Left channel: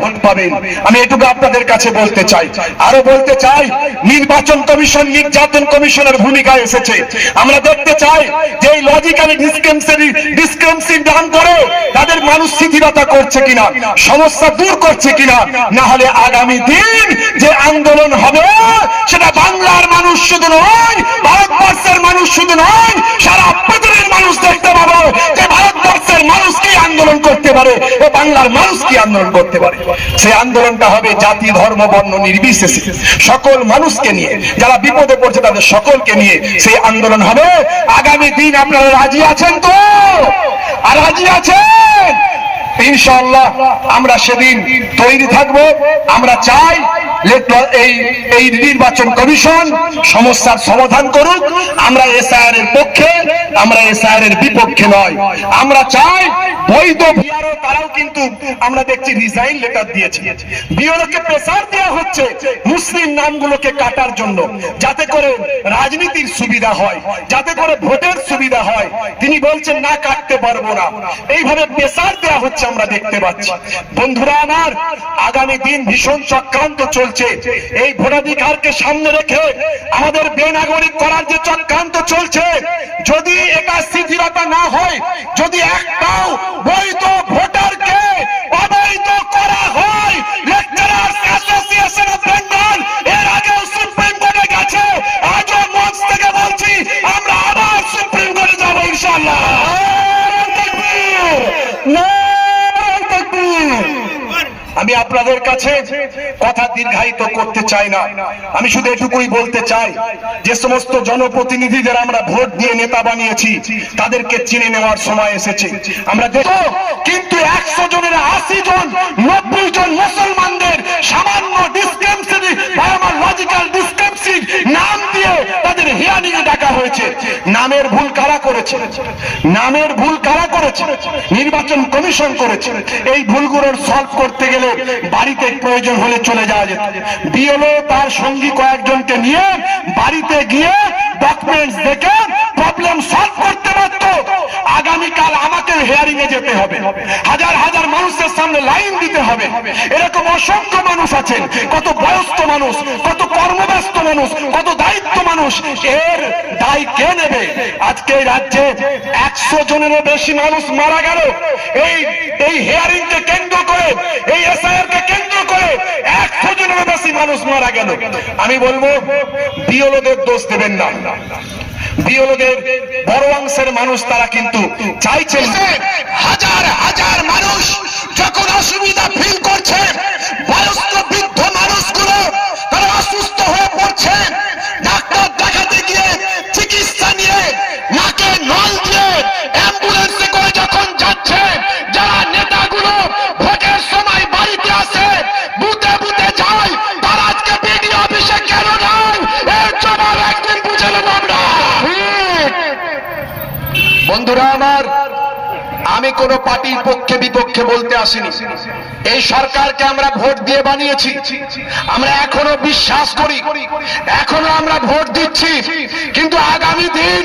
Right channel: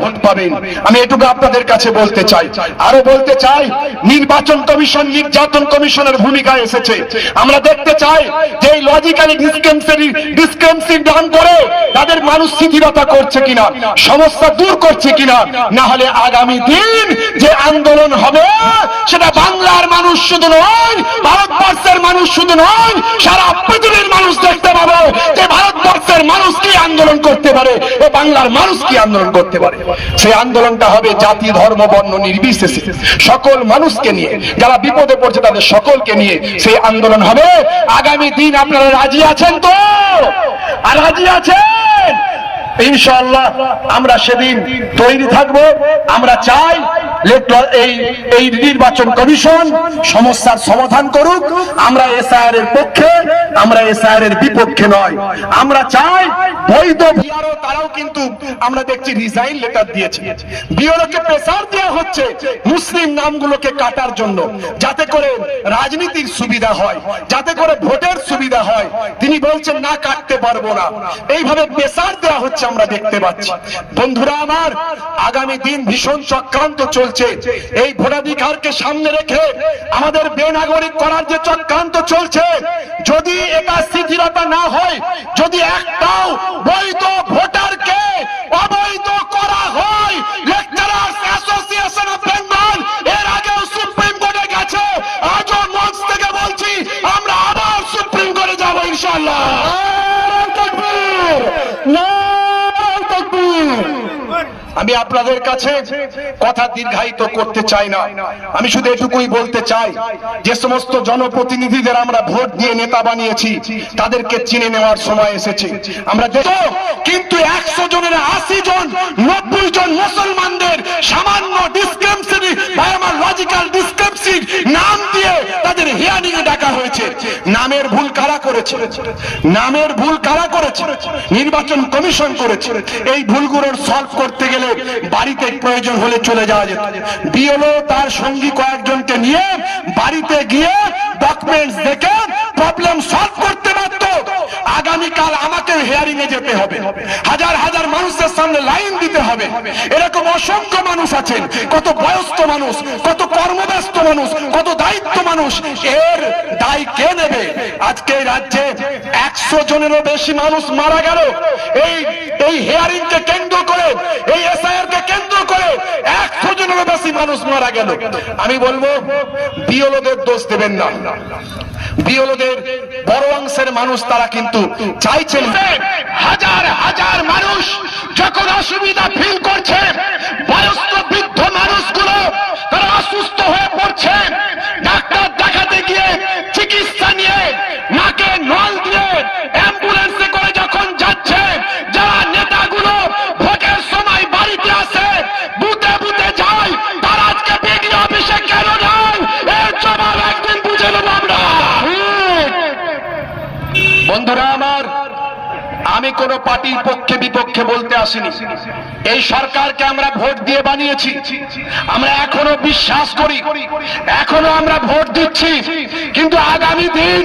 Vote পাবেন। আমি এটুকু আপনাদের কাছে বলতে চাই। আরো বলতে চাই, নির্বাচন কমিশন নির্যাতন কমিশনের ভূমিকা এসেছে। আমরা দেখতে চাই যে এই লজিক্যালি ডিসক্রিমিনেন্সি দান করে তাদের মানুষ শিথিলতা করছে কিনা, সমস্যা দূর করছে কিনা। না হলে আগামী দিন যে আন্দোলন হবে সেটা বাংলার মানুষ শুধু নয়, ভারতবর্ষের মানুষ শুধু নয়, সারা পৃথিবীর মানুষ দেখতে পাবে যে ভারতবর্ষের মানুষ কি আন্দোলন করতে পারে ও বাংলার মানুষ কি আন্দোলন করতে পারে। সেই আন্দোলনটা হবে জাতি ধর্ম বর্ণ নির্বিশেষে সকল মানুষকে নিয়ে, যারা বিপদে পড়ছে তাদের সকলকে নিয়ে সেই আন্দোলন হবে। আগামী দিন আপনারা রাজি আছেন তো? আর রাজি আছেন? ইনশাআল্লাহ আমরা সেদিন তৈরি থাকবো। আমরা চাই এই নির্বাচন কমিশন সমস্যার সমাধান করুক। আমরা এসআইআর এর পক্ষে, আমরা এসআইআর এর বিপক্ষে নয়। আমরা চাই বৈধ বিআরও, তারাও কিন্তু আমরা দেখছি রিজাইন লেটার দিয়েছে। বিআরওকে প্রেসার দেওয়া হচ্ছে মুসলিম নামগুলোকে কাটার জন্য, যাতে করে রাজনীতির সুবিধা হয়, যাতে করে ভোটের সুবিধা হয়। তিনি বলছেন না, কাটতে পারবো না। এইভাবে প্রেসার দেওয়া হচ্ছে আমরা দেখতে পাচ্ছি। বন্ধুরা আমার, আগামী দিন ভীষণ চক্রান্ত চলছে। এই ভোটাধিকারকে সামনে রেখে আমাদের বেনাগরিক করার যে চক্রান্ত চলছে, যদি এটা শিথিলতা না হয়, যদি একটাও বৈধ ভোটারকে অবৈধ করা হয়, লেকচারার্স অ্যাসোসিয়েশন অফ বেঙ্গল এর আগেও সুপ্রিম কোর্টে গেছে। আজও মঞ্চ থেকে বলছি, আমরা আবার সুপ্রিম কোর্টে যাবো ইনশাআল্লাহ। আমি আপনাদের কাছে কথা দীর্ঘায়িত করতে চাই না। আমি শুধু এটুকুই বলতে চাই, যে সমস্ত জনপ্রতিনিধিদের আমরা ভোট দিয়ে নেতা বানিয়েছি তাদেরকে চিনে নেওয়ার সময় এসেছে। আমরা দেখো, কিন্তু 100 জনের 80 জন 90 জন মুসলমানদের সামান্য ডিসক্রিমিনেশন বা আমার লজিক্যাল ডিসক্রিমিনেন্সি নাম দিয়ে তাদের হিয়ারিং এ ডাকা হয়েছে। নামের ভুল কারা করেছে? নামের ভুল কারা করেছে? নির্বাচন কমিশন করেছে। এই ভুলগুলোর সলভ করতে গেলে বাড়িতে প্রয়োজন হলে চলে যাওয়া যেত। বিএলও তার সঙ্গী কয়েকজনকে নিয়ে বাড়িতে গিয়ে ডকুমেন্টস দেখে প্রবলেম সলভ করতে পারত। আগামীকাল আমাকে হিয়ারিং এ যেতে হবে, হাজার হাজার মানুষের সামনে লাইন দিতে হবে। এরকম অসংখ্য মানুষ আছেন, কত বয়স্ক মানুষ, কত কর্মব্যস্ত মানুষ, কত দায়িত্ব মানুষ। এর দায় কে নেবে? আজকে রাজ্যে 100 জনেরও বেশি মানুষ মারা গেল এই হিয়ারিং কে কেন্দ্র করে, এই এসআইআর কে কেন্দ্র করে 100 জনেরও বেশি মানুষ মারা গেল। আমি বলবো, বিএলওদের দোষ দেবেন না। বিএলওদের বড় অংশের মানুষ তারা কিন্তু চাইছেন। হাজার হাজার মানুষ যখন অসুবিধা ফিল করছে, বয়স্ক বৃদ্ধ মানুষগুলো তারা অসুস্থ হয়ে পড়ছে, ডাক্তার দেখাতে গিয়ে চিকিৎসা নিয়ে নাকে নল দিয়ে অ্যাম্বুলেন্সে করে যখন যাচ্ছে, যারা নেতাগুলো ভোটের সময় বাড়িতে আসে, বুথে বুথে যায়, তারা আজকে বিডিও অফিসে কেন নয়? এর জবাব একদিন বুঝে নেব আমরা। বন্ধুরা আমার, আমি কোন পার্টির পক্ষে বিপক্ষে বলতে আসিনি। এই সরকারকে আমরা ভোট দিয়ে বানিয়েছি। আমরা এখনো বিশ্বাস করি, এখনো আমরা ভোট দিচ্ছি। কিন্তু আগামী দিন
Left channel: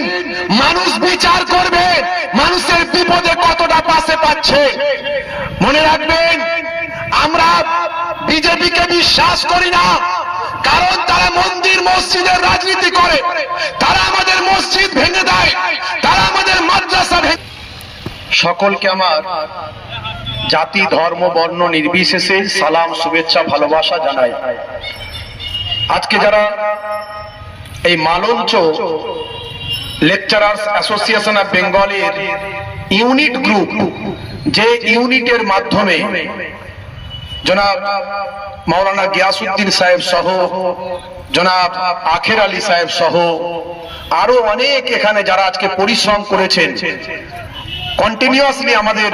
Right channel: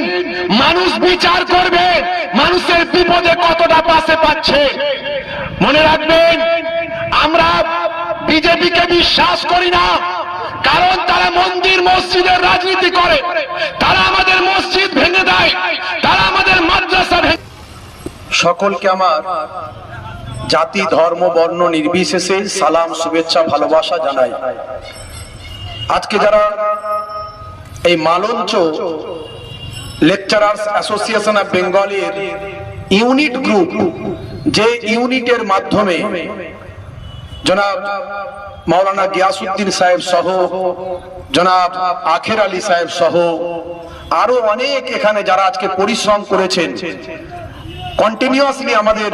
মানুষ বিচার করবে মানুষের বিপদে কতটা পাশে পাচ্ছে। মনে রাখবেন, আমরা বিজেপিকে বিশ্বাস করি না, কারণ তারা মন্দির মসজিদের রাজনীতি করে। তারা আমাদের মসজিদ ভেঙে দেয়, তারা আমাদের মাদ্রাসা ভেঙে। সকলকে আমার জাতি ধর্ম বর্ণ নির্বিশেষে সালাম, শুভেচ্ছা, ভালোবাসা জানাই। আজকে যারা এই মালঞ্চ লেকচারার্স অ্যাসোসিয়েশন অফ বেঙ্গলের ইউনিট গ্রুপ, যে ইউনিটের মাধ্যমে জনাব মাওলানা গিয়াসউদ্দিন সাহেব সহ, জনাব আখের আলী সাহেব সহ আরো অনেক এখানে যারা আজকে পরিশ্রম করেছেন, কন্টিনিউয়াসলি আমাদের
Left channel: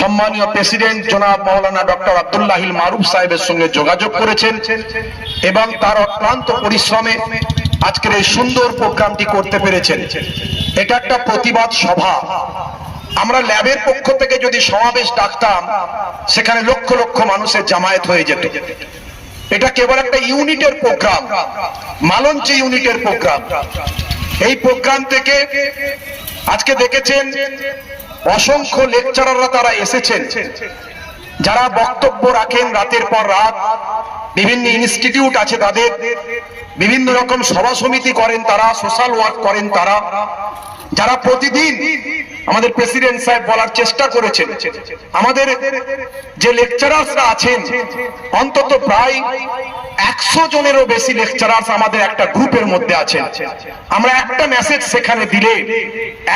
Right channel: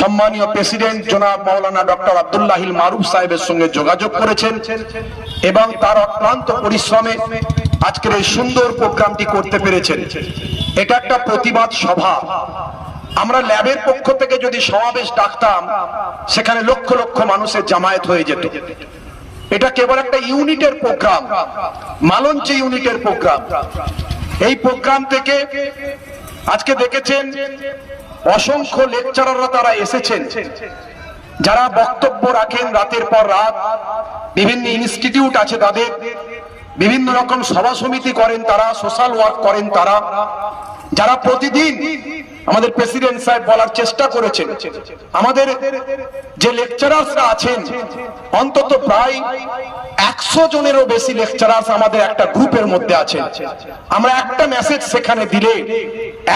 সম্মানীয় প্রেসিডেন্ট জনাব মাওলানা ডক্টর আব্দুল্লাহিল মারুফ সাহেবের সঙ্গে যোগাযোগ করেছেন এবং তার অক্লান্ত পরিশ্রমে আজকের এই সুন্দর প্রোগ্রামটি করতে পেরেছেন। এটা একটা প্রতিবাদ সভা। আমরা ল্যাবের পক্ষ থেকে যদি সমাবেশ ডাকতাম, সেখানে লক্ষ লক্ষ মানুষের জামায়াত হয়ে যেত। এটা কেবল একটা ইউনিটের প্রোগ্রাম, মালঞ্চ ইউনিটের প্রোগ্রাম। এই প্রোগ্রাম থেকে আজকে দেখেছেন অসংখ্য লেকচারাররা তারা এসেছেন যারা বক্তব্য রাখেন রাতের পর রাত, বিভিন্ন ইনস্টিটিউট আছে তাদের, বিভিন্ন রকম সভা সমিতি করেন তারা, সোশ্যাল ওয়ার্ক করেন তারা, যারা প্রতিদিন আমাদের প্রেসিডেন্ট সাহেব বলার চেষ্টা করেছেন আমাদের যে লেকচারার্সরা আছেন অন্তত প্রায় 100 জনেরও বেশি লেকচারার্স আমাদের একটা গ্রুপের মধ্যে আছেন। আমরা একটা মেসেজ সেখানে দিলে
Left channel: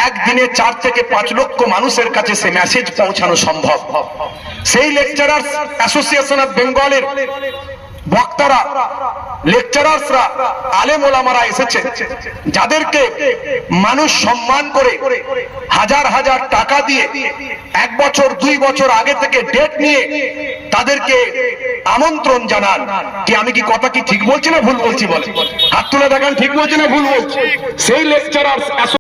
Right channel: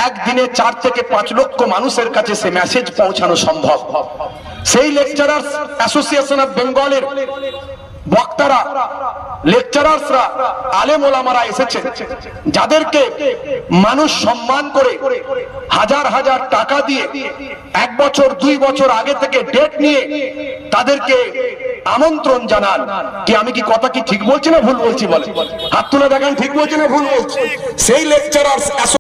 একদিনে 4 থেকে 5 লক্ষ মানুষের কাছে সে মেসেজ পৌঁছানো সম্ভব। সেই লেকচারার্স অ্যাসোসিয়েশন অফ বেঙ্গলের বক্তারা, লেকচারার্সরা, আলেম ওলামারা এসেছেন, যাদেরকে মানুষ সম্মান করে হাজার হাজার টাকা দিয়ে 1 বছর 2 বছর আগে থেকে ডেট নিয়ে তাদেরকে আমন্ত্রণ জানান। কি আমি কি কথা কি ঠিক বলছি না ভুল বলছি? বলে হাত তুলে দেখান ঠিক বলছি না ভুল বলছি? সেই লেকচারার্স